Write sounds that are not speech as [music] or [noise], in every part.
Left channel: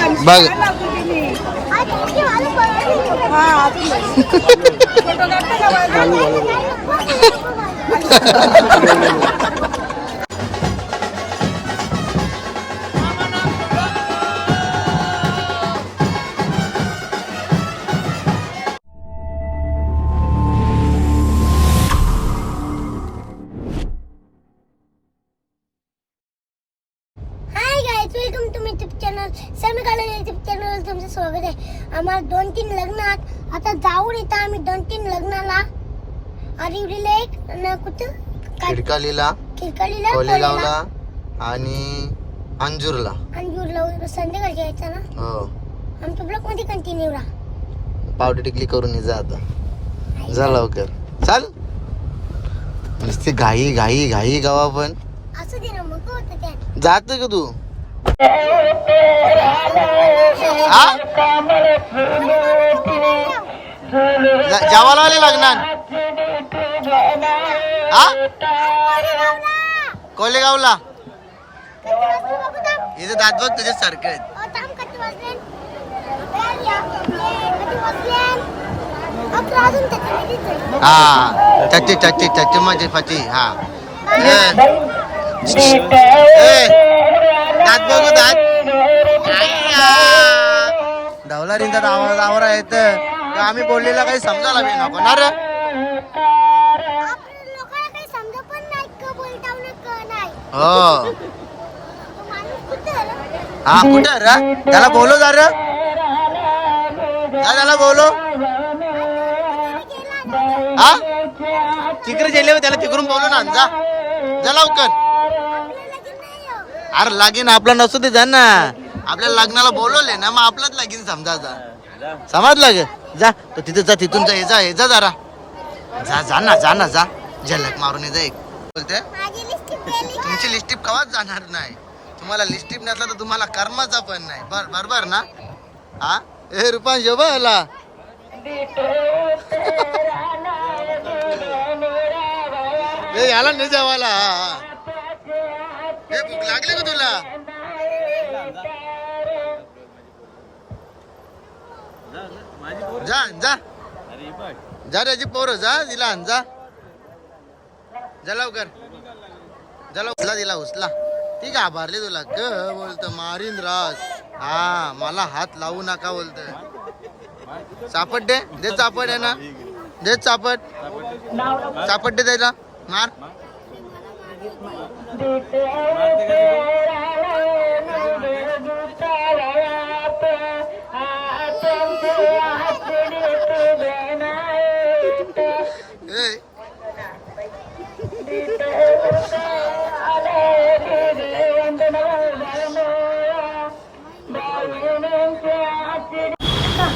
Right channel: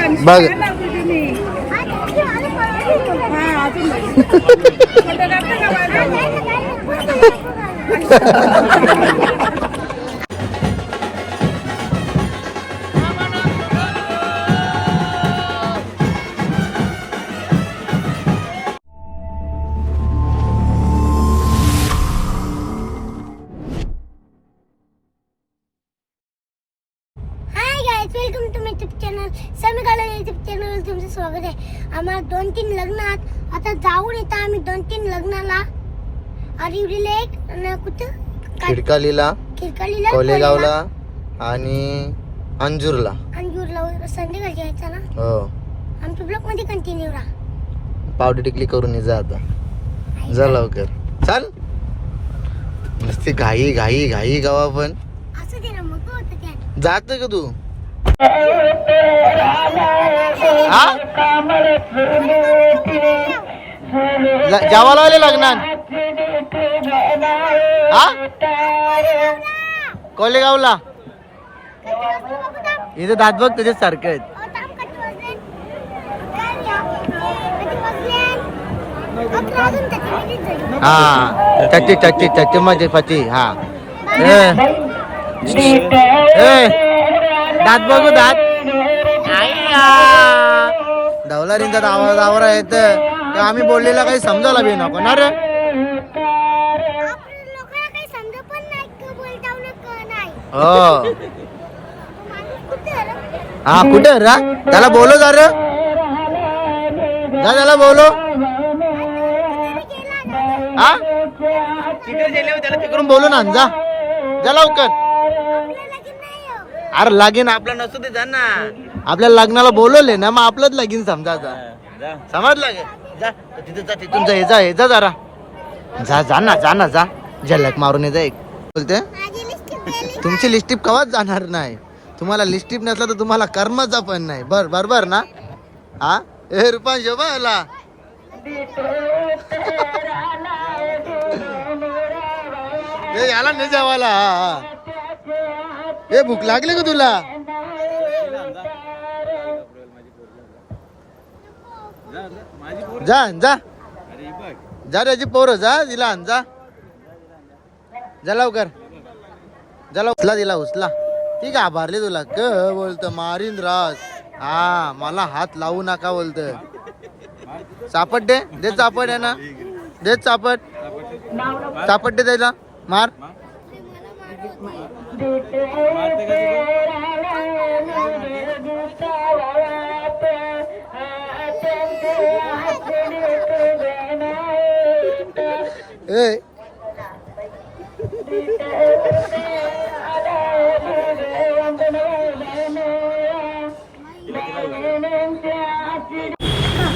मेरी मारा [laughs] आहे आम्हाला दोन तीन लग्नात. आता जाऊन येतं आम्ही दोन तीन लग्नाला. अरिवलीला एक आणि कुठं? खिडकालीला खिरकालीला कोलेगावला आणि अंजूरला. अंजूरला संध्याकाळी यायचं ना? हो. आमच्या ब्लॉकमध्ये कंटिन्यू राहा. पावडर टिकली करून ये जा आता. जा लवकर. चाल. नुसती घाई घाई घाई गावा पण असं दे ना मग जात का तू? जेवायला आले लग्नात? हा? कोलेगावला? इथं दात बघ तुझ्या सारखे आहेत. हा. चच्ची चच्ची चच्ची मजे फची हा. दात बघू दात. धवलारीचं आवाज आवारा येत आम्ही बोललेला काही समजायला बी नको ना रे. हो. रे? हा कुठे रा? त्याला बोलो जर. जा त्याला बोलो? हा तिकडे गेले त्याला तिकडून बोलू ना जा. जा लवकर आपल्याला की नाही हो. अरे लागीन आपला नसू दे जा ना आपल्या लग्नाला बोलवले ना मग आपलंच लगीन समजा जा. समजलं गे जा तो तिथे जा तिथून जा हे जा हे जा जरा. जा जा ना जा ना जा. झलक मारून ये जा एक. बोलते? तुमची लिस्टिप कवाच जाणार नाही. तुम्हाला लिस्टिप नसला तर तुम्हाला कर्मचा पण नाही. बर बरोबर ना? हा ए रुपान शोभा ए याला नाही जेवायला ए भूक लागली का तुला? जा जा. जा रे पोरं जा दिला आण जा. जा लवकर. झाला उचला दिला उचला. ती घाबरली तुला. क बोलत मारीन रास. हा मला हात लावू नका बोलत. चापट दे दे चापट आहे ना दे चापट. चापट दे त्याला. मार. ए.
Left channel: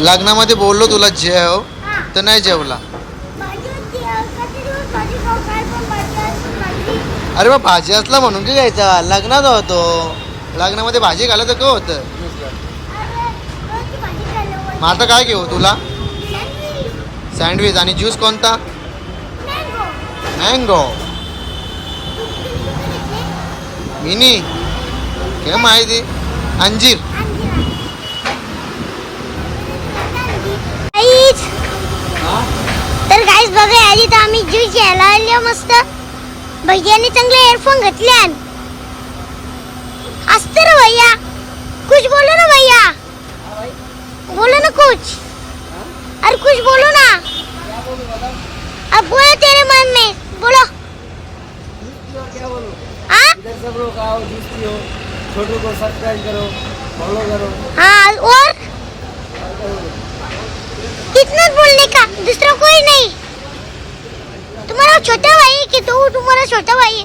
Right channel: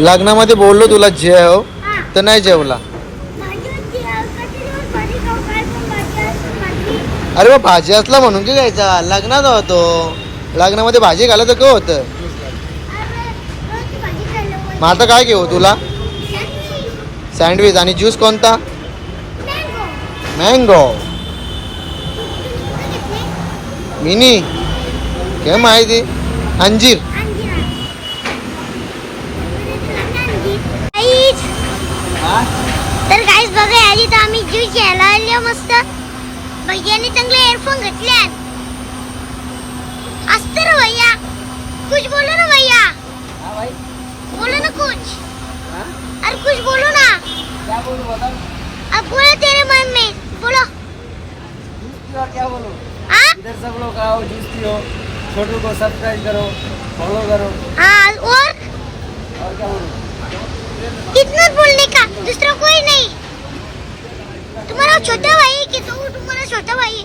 लग्नामध्ये बोललो तुला जेव तर नाही जेवला भाजी होती, अ, कधी दिवस भाजी खाऊ काय पण भाजी असते, भाजी. अरे बा भाजी असला म्हणून की घ्यायचा? लग्नात होतो. लग्नामध्ये भाजी घालायचं का होतं. मग आता काय घेऊ तुला? सँडविच, आणि ज्यूस कोणता? मँगो. Mango mini. काय माहिती. अंजीर. तर गाईज बघा आधी तर आम्ही ज्यूस घ्यायला आलो मस्त. भैयाने चांगले एअरफोन घातले असते रे भैया कुछ बोलो ना भैया बोलो ना कुछ अरे कुछ बोलो ना. अब बोलो तेरे मन में. बोलो. हाँ इधर सब लोग आओ पियो छोटू को सब्सक्राइब करो फॉलो करो. हाँ और? कितना बोलने का? दूसरा कोई नहीं. तुम्हाला छोटा भाई की तू? तो तुम्हारा छोटा भाई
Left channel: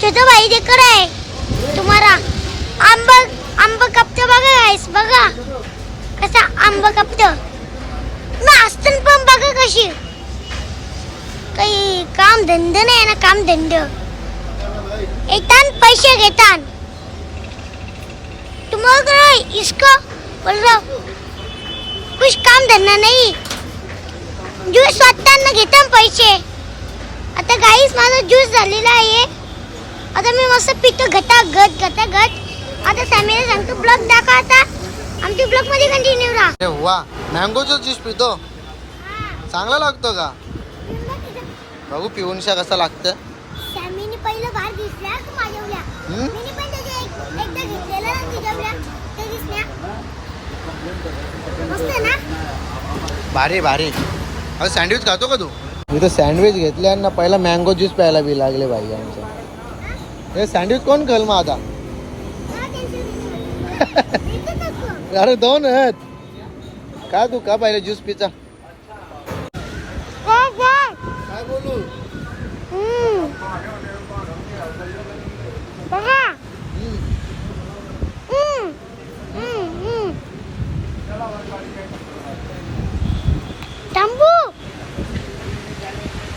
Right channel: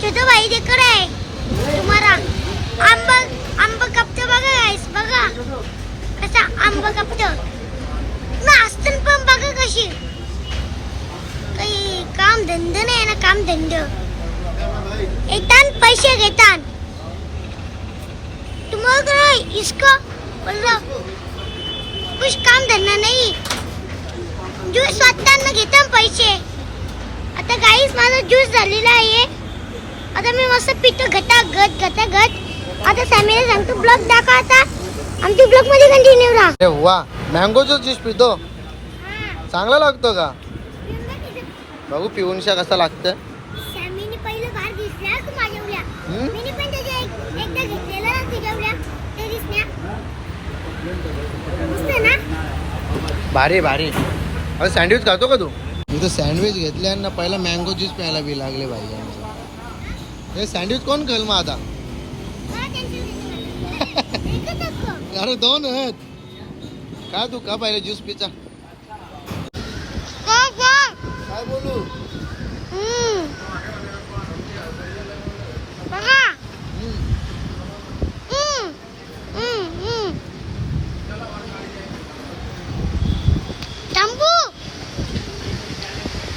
छोटा भाई देख आहे. तुम्हाला आंब आंब कपत बघा गाईस बघा. कसा आंब कपत. ना असतं पण बघा कशी. काही काम धंद नाही ना काम धंद. येतान पैसे घेतान. तुम्हाला इसको? बोल कुछ काम धंदा नाही. ज्यूस वाटताना घेता पैसे. आता गाईस माझा ज्यूस झालेला आहे. आता मी मस्त पितो घटा घट घटा घट. आता सॅमीला सांगतो ब्लॉग दाखवा आता. आमची ब्लॉगमध्ये कंटिन्यू राहा. वा मँगोचा ज्यूस पितो. चांगला लागतो का? बघू पिऊनशा कसा लागतं सॅमीने पहिलं बाहेर दिसल्या तू माझ्यावल्या? मी पण त्याच्या एकदा घेतलेला तुझ्यावल्या ते दिसल्या मस्त ना? भारी भारी. अरे सँडविच खातो का तू? मी तर सँडविच घेतले आणि ना पहिला मँगो ज्यूस प्यायला बी लागले भाई आमचं हे सँडविच कोण कल मग आता? हा. [laughs] अरे दोन आहेत. का तू का पाहिजे ज्यूस पिचा काय बोलू हम्म. बघा हम्म. हम्म, हम्म. शंभू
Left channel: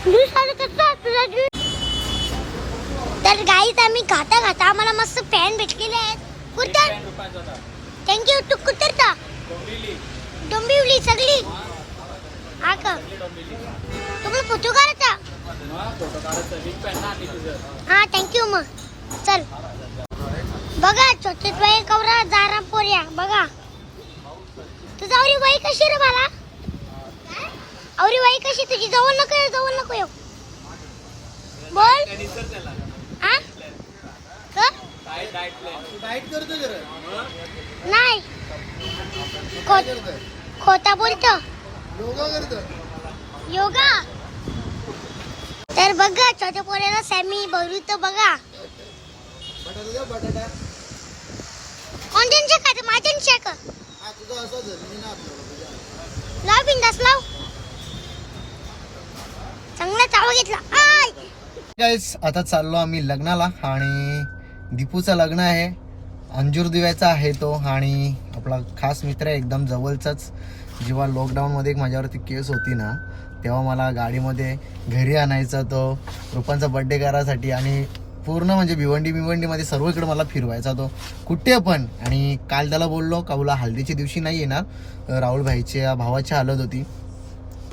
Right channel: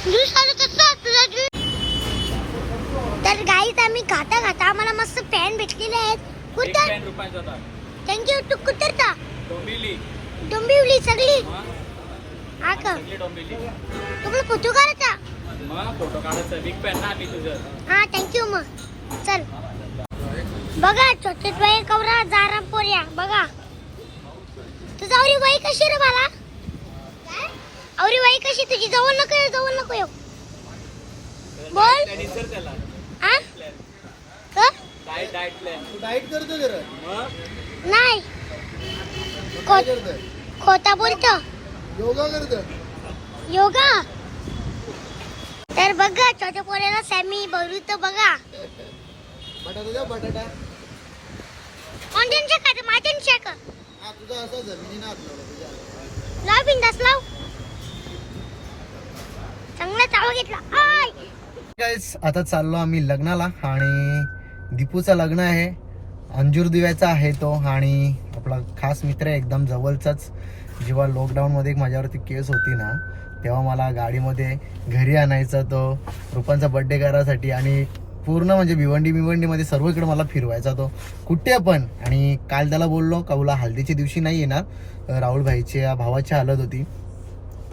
ज्यूस आलं कसं तुझा ज्यूस तर गाईत आम्ही खाता खाता आम्हाला मस्त फॅन भेटलेले आहेत. कुठं थँक्यू तू कुठं डोंबिवली. सगळी. हा. का? तुम्हाला फोटो काढायचा? हा थँक्यू मग. चल. बघा छोटे बाई कवरा जारा पोऱ्या बघा. तुझा आवरी बाई कशी रे मला आवरी बाई कशी तुझी? जवळ नको जवळ नको येऊ. बोल. हा नाही. खोटा बोलतो योगा करतो. योगा? तर बघा छोट्या पोऱ्याला सॅमी भरू बघा. बटाटा कोणत्या खात माझ्या का हा तुझा असं जमिनी ना तुझ्या. लाव बिंदास लाव. चांगला चावं घेतला. आय! गाईस आता चाललो आम्ही लग्नाला आणि दीपूचं लग्न आहे. अंजूर दिव्याचा आहे तो आणि आपला खास मित्र आहे एकदम जवळचाच. जेव्हा लॉकडाऊनमध्ये एक माझ्यावरती केस होती ना तेव्हा मला गाडीमध्ये घरी आणायचा तो रुपांचा बड्डे करायसाठी आणि पूर्ण म्हणजे भिवंडी भिवंडीमध्ये सर्वकडे मला फिरवायचा तो. कुठे पण. आणि काल त्याला बोललो का बोला हल्दीच्या दिवशी नाही येणार. राहुल भाईच्या भावाची हालत होती.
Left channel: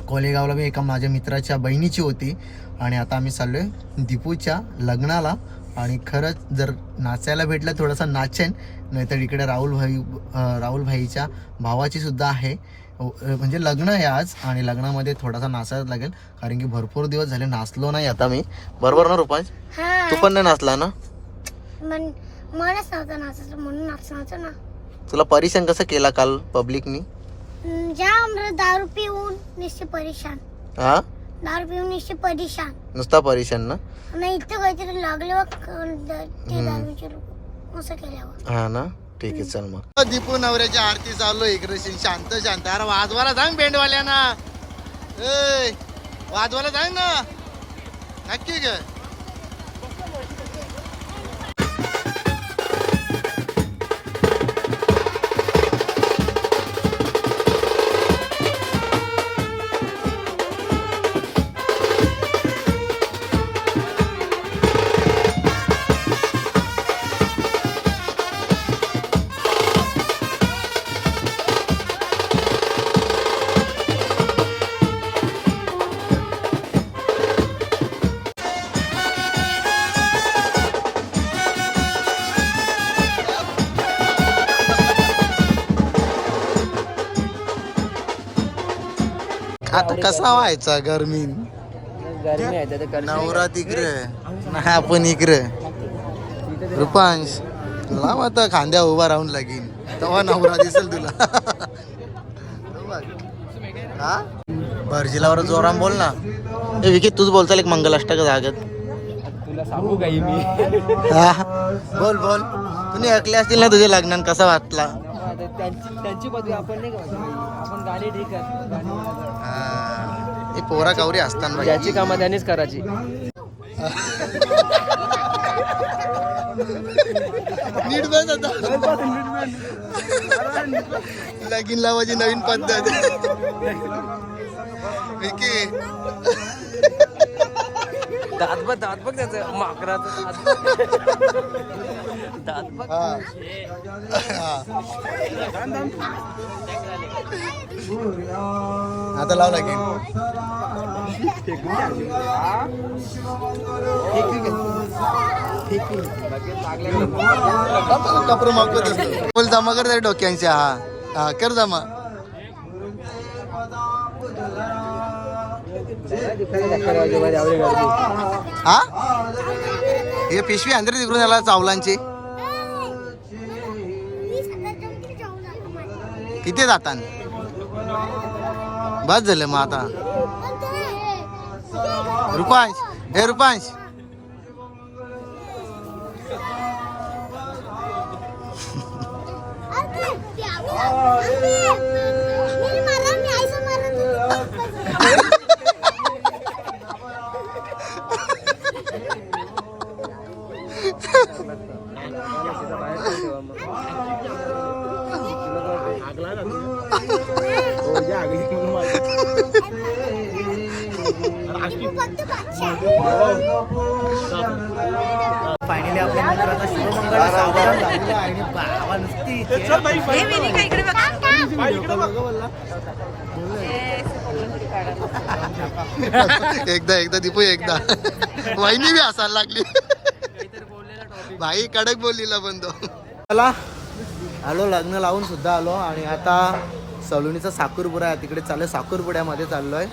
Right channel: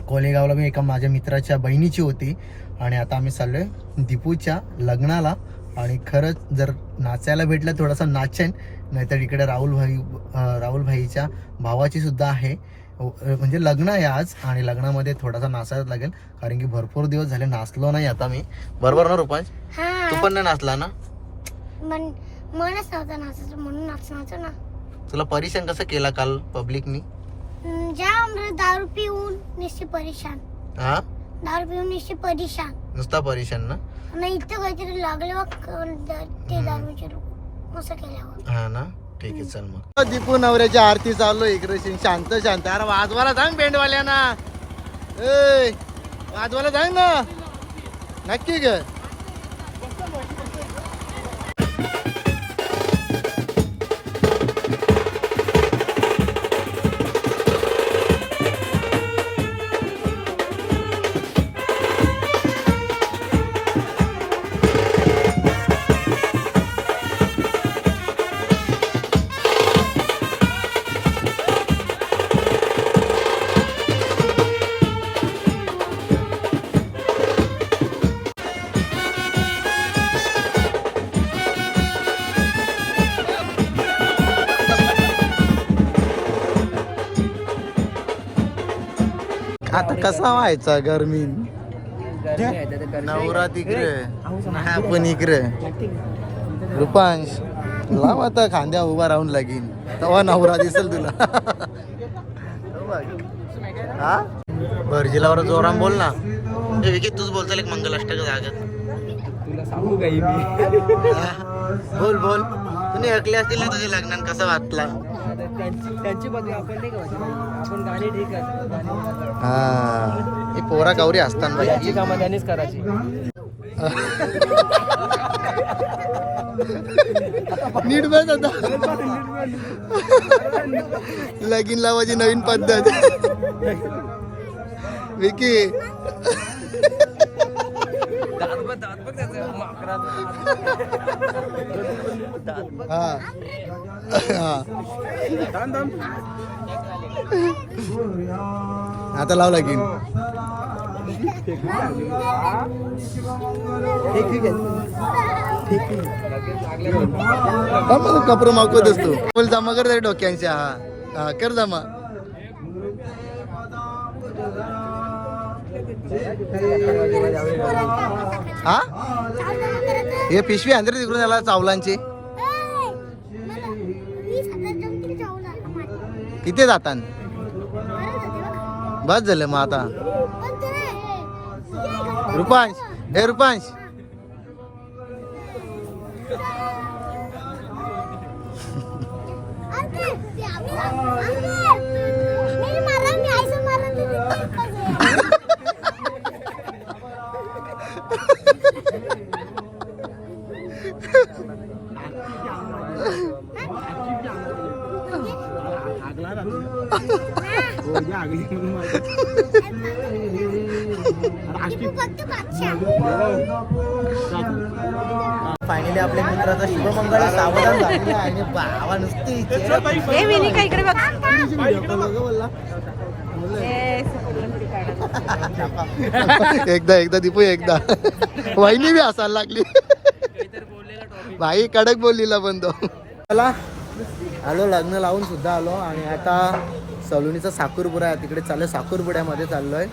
कोलेगावला मी एका माझ्या मित्राच्या बहिणीची होती. आणि आता आम्ही चाललोय दीपूच्या लग्नाला. आणि खरंच जर नाचायला भेटलं थोडासा नाचेन. नाहीतर इकडे राहुल भाई राहुल भाईच्या भावाची सुद्धा आहे. म्हणजे लग्न आहे आज आणि लग्नामध्ये थोडासा नाचायला लागेल. कारण की भरपूर दिवस झाले नाचलो नाही आता मी. बरोबर ना रुपांश? तू पण नाही नाचला ना? म्हणून ना. तुला परेशान कसं केला काल पब्लिकनी दारू पिऊन निश्चित परेशान. हा दारू पिऊन निश्चित परेशान. नुसता परेशान ना? आणि इथं काहीतरी लागले बघ ते दारूचे रूप असं केल्यावर. हा ना? ठीक आहे चल मग. दीपू नवऱ्याची आरती चालू आहे. इकडे शिन- शांत शांत. अरे वाजवायला सांग बेंडवाल्यांना ए वाजवायला सांग ना. नक्की ग आता कसा व्हायचा गरमीन? नवरा तिकडे. नाही आपण इकडे. रुपांश लाव आता खांद्या उभा राहून लागीन. तेव्हा नवरा दिसेल तुला. हा? भरजिलावर जोराम बोल ना. ए विकी तूच बोलचाल एक मंगलाष्टक जागेत. तुला सांगू काही मी? हा? बोल बोल. तुम्ही ऐकले असतील ना तुझ्या लग्नात कसा वाटला? त्यांची त्यांची बदली आपण नाही गावायची बाई आपण गाणी ठीक आहे. गाणी. हा. हे पोरा कावरी असताना बाई याची कामं त्यांनीच करायची. नीट बस आता. लगीन लावायची नवीन पद्धत. [laughs] विकी. दात बघ दात बघ त्याचं. माकडाचं दात बघ. आता लावलाय की कपडे नको देतो फुल जमा कर रे डोक्यांच्या हा. हा कर जमा हा? हे पिशवी अंदर तिकडून आला चावलांची. किती जातात बस झालं मग आता. रुपांश हे रुपांश. फायनली आपल्या मित्राचा शुभमंगळ सावधान झालेला आहे आणि बाबा नुसती एकदा एकदा दीपू एकदा. वहिनी बी हसायला लागली. भाई कडक बोललीला पण तो. चला आलो लग्न लावून सुद्धा आलो आणि आता सलोनीचा साखरपुडा तिकडे तिकडे चाललोय साखरपुड्यामध्ये चाललोय.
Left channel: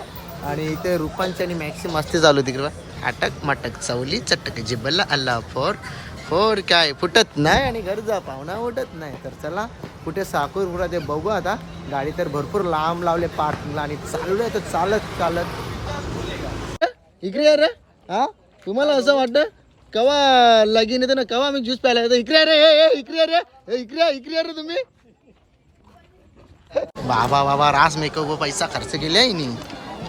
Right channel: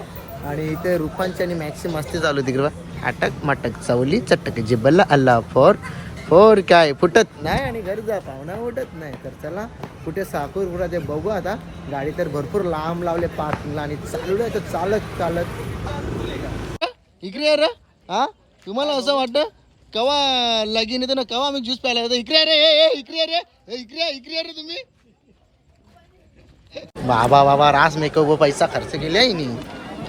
आणि इथे रुपांची आणि मॅक्सी मस्ती चालू आहे तिकडे. अटक मटक चवली चटक जिबल्ला अल्ला फोर फोर काय फुटत नाही आणि गरजा पाहुणा उठत नाही. तर चला कुठे साखरपुडा ते बघू आता. गाडी तर भरपूर लांब लावले पार्किंगला आणि चालू आहे. तर चालत चालत. इकडे अरे हा? तुम्हाला असं वाटतं? कवा लगीन येतं ना कवा आम्ही ज्यूस प्यायला येतो? इकडे अरे हे इकडे अरे इकडे इकडे अरे तुम्ही. बाबा बाबा रास मेकअप पैसा खर्च केले आहे नी.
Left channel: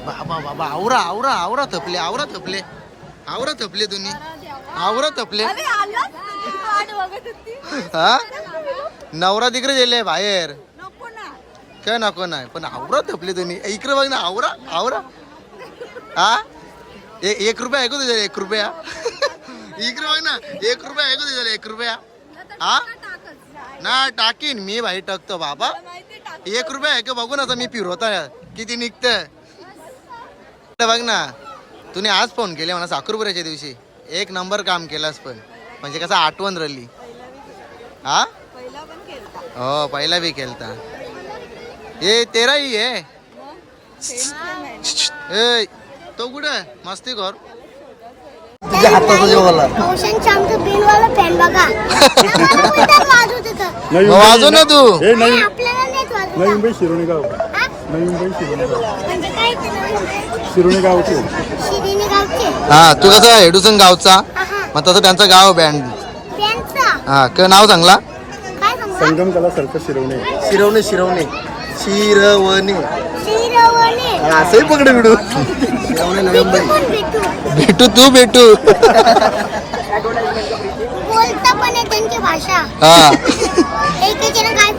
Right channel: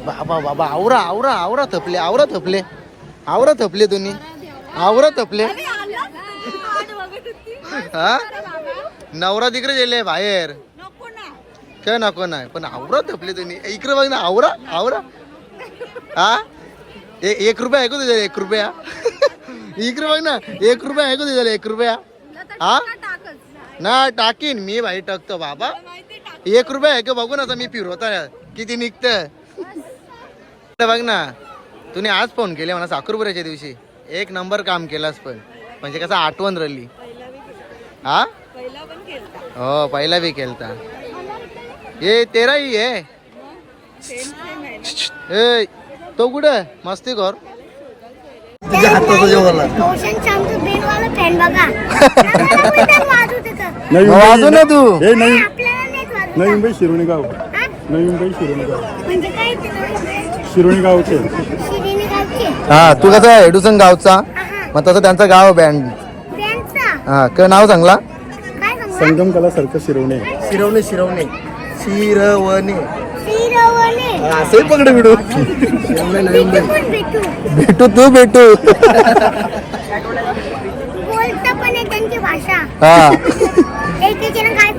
बाबा बाबा आवरा आवरा आवरा थपले आवरा थपले. आवरा थपले तुम्ही. आवरा थपले. हा? नवरा तिकडे गेले बाहेर. काय नको नाही? पण आवरा थपले तुम्ही. इकडे बघ ना आवरा आवरा. हा? एक रुपया ऐकू तुझ्या एक रुपया. इकडे बघ ना एक रुपया ऐकू तुझ्या एक रुपया. हा? ना टाकीन मी भाई टाकतो बाबा. एक रुपया ऐकू बघू ना आता मी फिरवता किती निघत बघ ना. तुम्ही आज फोन केले म्हणा साखरपुऱ्याच्या दिवशी. एक नंबर काम केलास पण. म्हणजे कसं आठवण राहिली. हा? हो पहिला बी केलता. ये तेराही आहे. ए तो कुठं मस्ती कर. [laughs] वाजव ना तू नाही, आपल्याला नाहीच वाजवत. नवी मुंबई शिरोणी गाव हा? नवी मुंबई शिरोणी गाव म्हणजे काय शिरोणी गावचे शिरीने गावचे हा तू कसा हेडूसन गावचा. मग तसं त्यांचा गाव बँड हा क नाव काय सांगू संगम कला सर्कल शिरवणे शिरवणे शिरवणे. शिरवणे. शिरवणे असे पकडे भेटू शिरवणे नवी मुंबई कोण भेटू? भेटू तू भेटू. बोलता पण आहे त्यांची भाषा. हा. काय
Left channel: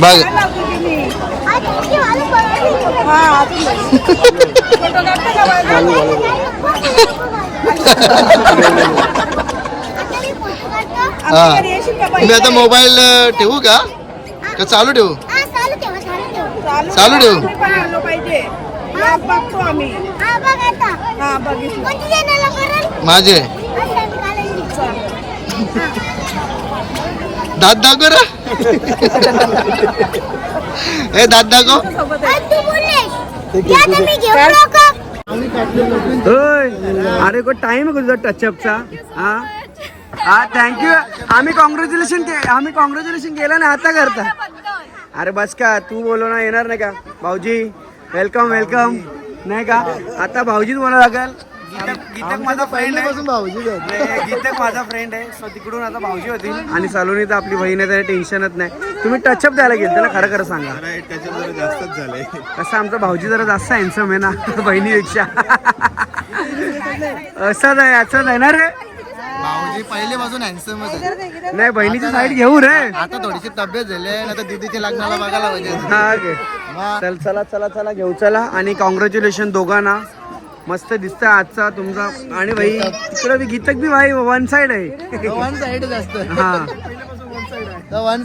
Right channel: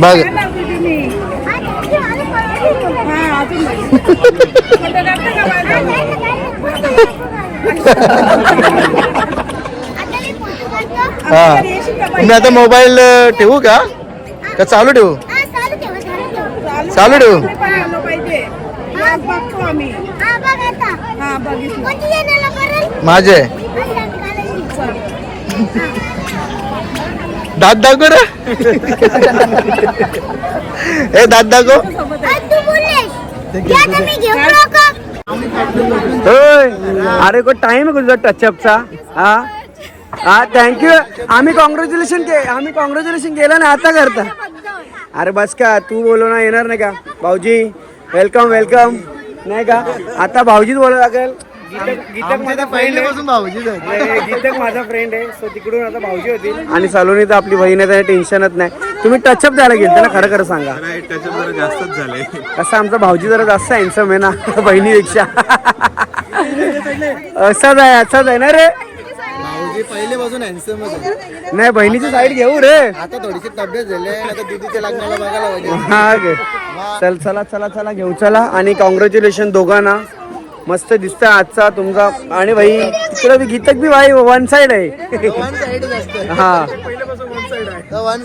बघ. मी. हा आता मोबाईल ठेवू का? का चालू ठेवू? हा, चालू ठेवा, हा, हा. हा? माझे. दात दाखव रे? [laughs] ए दात दाखव. अरे को टाइम आहे तुझा टचअपचा हा? हा थँक्यू आम्ही कॉंग्रॅच्युलेशन के आम्ही कॉंग्रॅच्युलेशन केलं ना आता करता. अरे बस का तू बोलव ना येणार नाही का? भाऊजी वेलकम वेलकम नाही का? आता भाऊजीच बोलावं लागेल. गीतक गीतक माझा फ्रेंड आहे. नाही, गीतक माझा फ्रेंड आहे. सो तिकडून आता भाऊजी होतील आणि सलोनी तर आपली बहीण आहे टेन्शनच नाही. तुम्ही टचअप द्यायला गेल ना खरं खरं सांगा. कसं आमचा भाऊजी जरा जास्त हँडसम आहे ना [laughs] बहिणीपेक्षा. असंच आहे असंच आहे ना रे. भाऊजी पहिल्यापासून हँडसमच आहे. नाही बहिणीची साईड घेऊ रे. आता थोडीशी तब्येत झाली आहे ना तर दीदीच्या लग्नाला बघायला पाहिजे हा चल चला चला चला घेऊन चला आणि कॉंग्रॅच्युलेशन दोघांना. मस्त दिसतंय आजचा तुमचा. आणि भाई तिकडं बी गीतक बी भाई वन साइड आहे. वन साइडच असतं हा. तर वन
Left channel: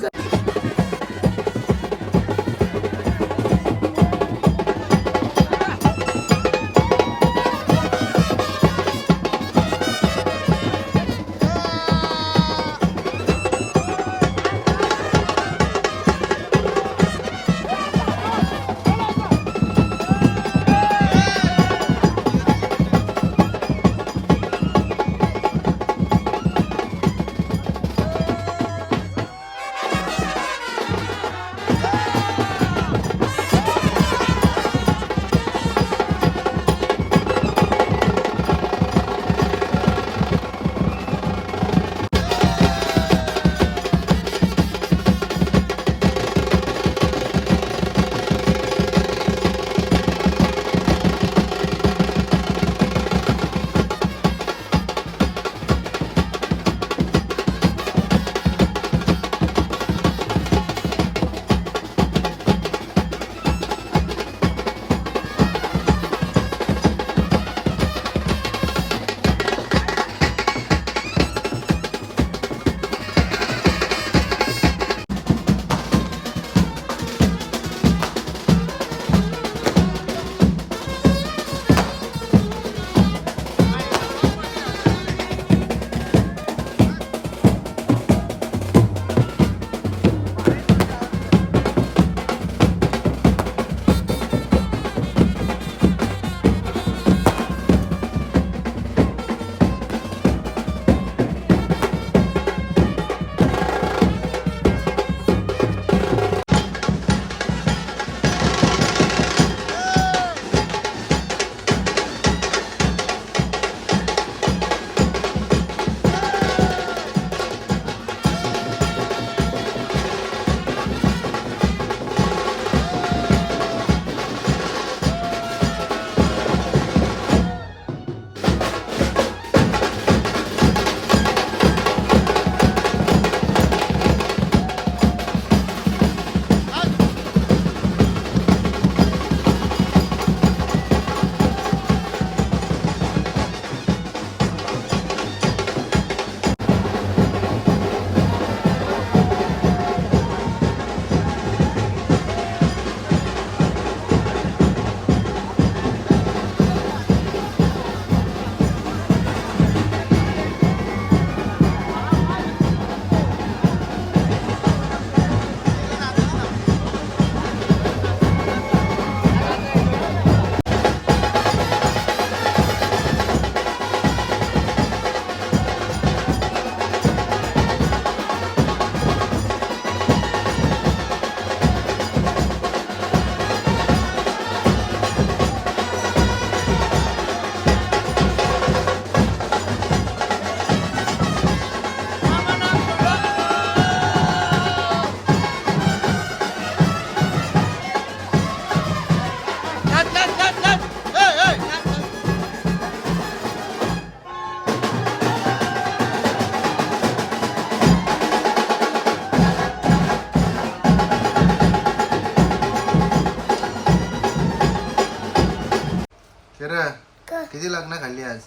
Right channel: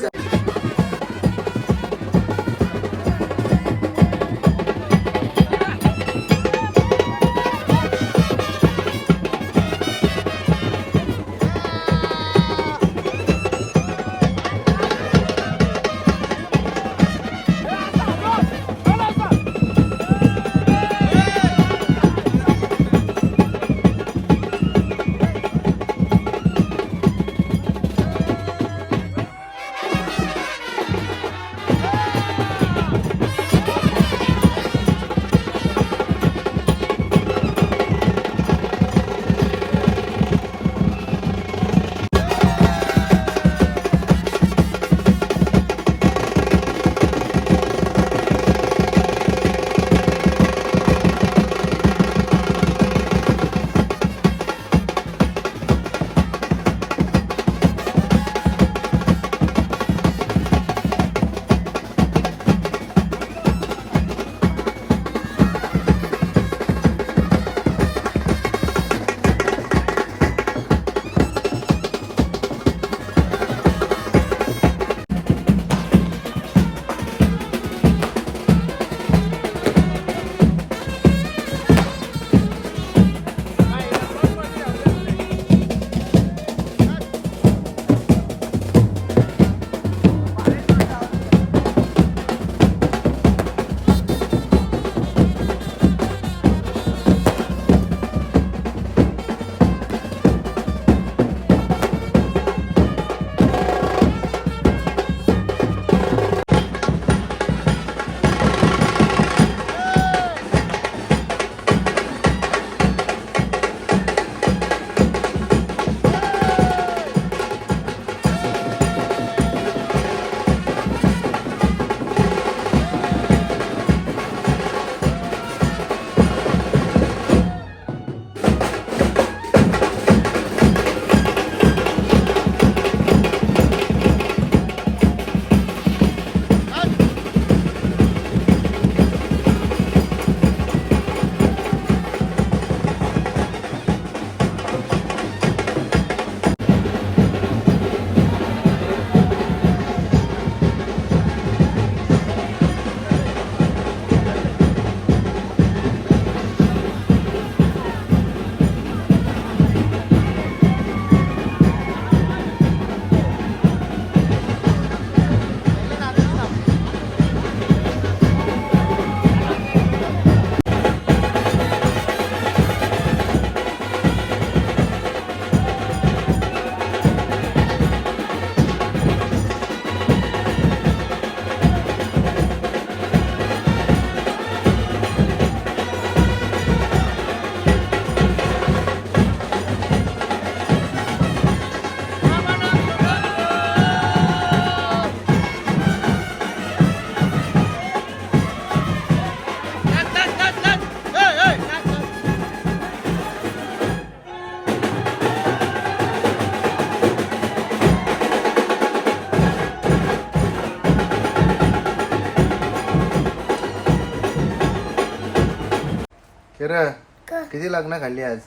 किती लग्न खाल्ली आज?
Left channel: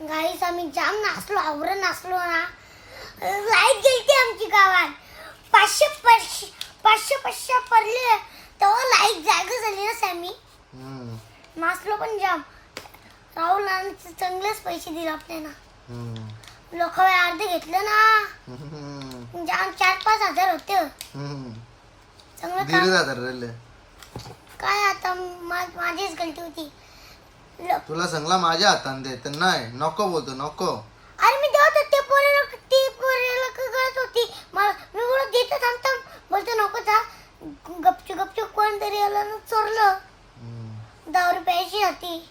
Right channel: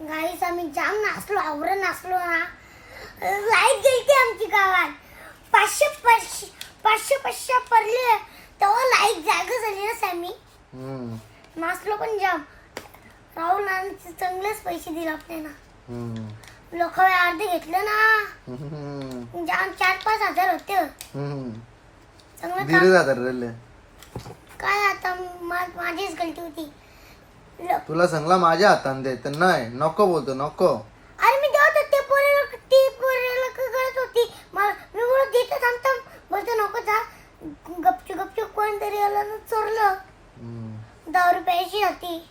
गाईस आम्ही जाम नाचलो आवरण नाचलो ना. लाइट गेलती आमची गावात. पाचशे पाचशे पाचशे पाचशे पडले. तेव्हा लाइट जागा झाली ना सॅमी. हम्म, नाचलो पण जाम. राहुल चांगलेच पैसे दिले आपल्याला. हम्म, लोक अर्धे घेतलं ना. हम्म, जाम चार पाच हजार होते. हम्म. चांगलं जातात काय आता मा- माझीच गलती होती. तुला सांगला माझ्या हातान दे तर नाही नको बोलतो नको. अरे मी देत होते पोरीला ती पोरीला कळत होती. मला मी बोलत देतो थांब थांब. बोलतो नको जा. गपचूप गपचूप कोणतरी आलं ना चोरलं. दहा रुपयाची होती.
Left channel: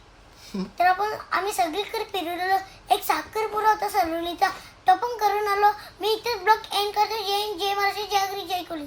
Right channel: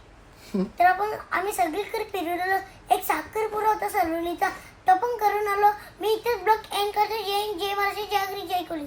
तर आपण आम्ही सगळीकडे फिरवलेलो एक साखरपुडा होता सलोनीचा. तो पण करून आलो. मी इथेच ब्लॉग एंड करतो. जय जय महाराष्ट्र जय अग्री जय कोली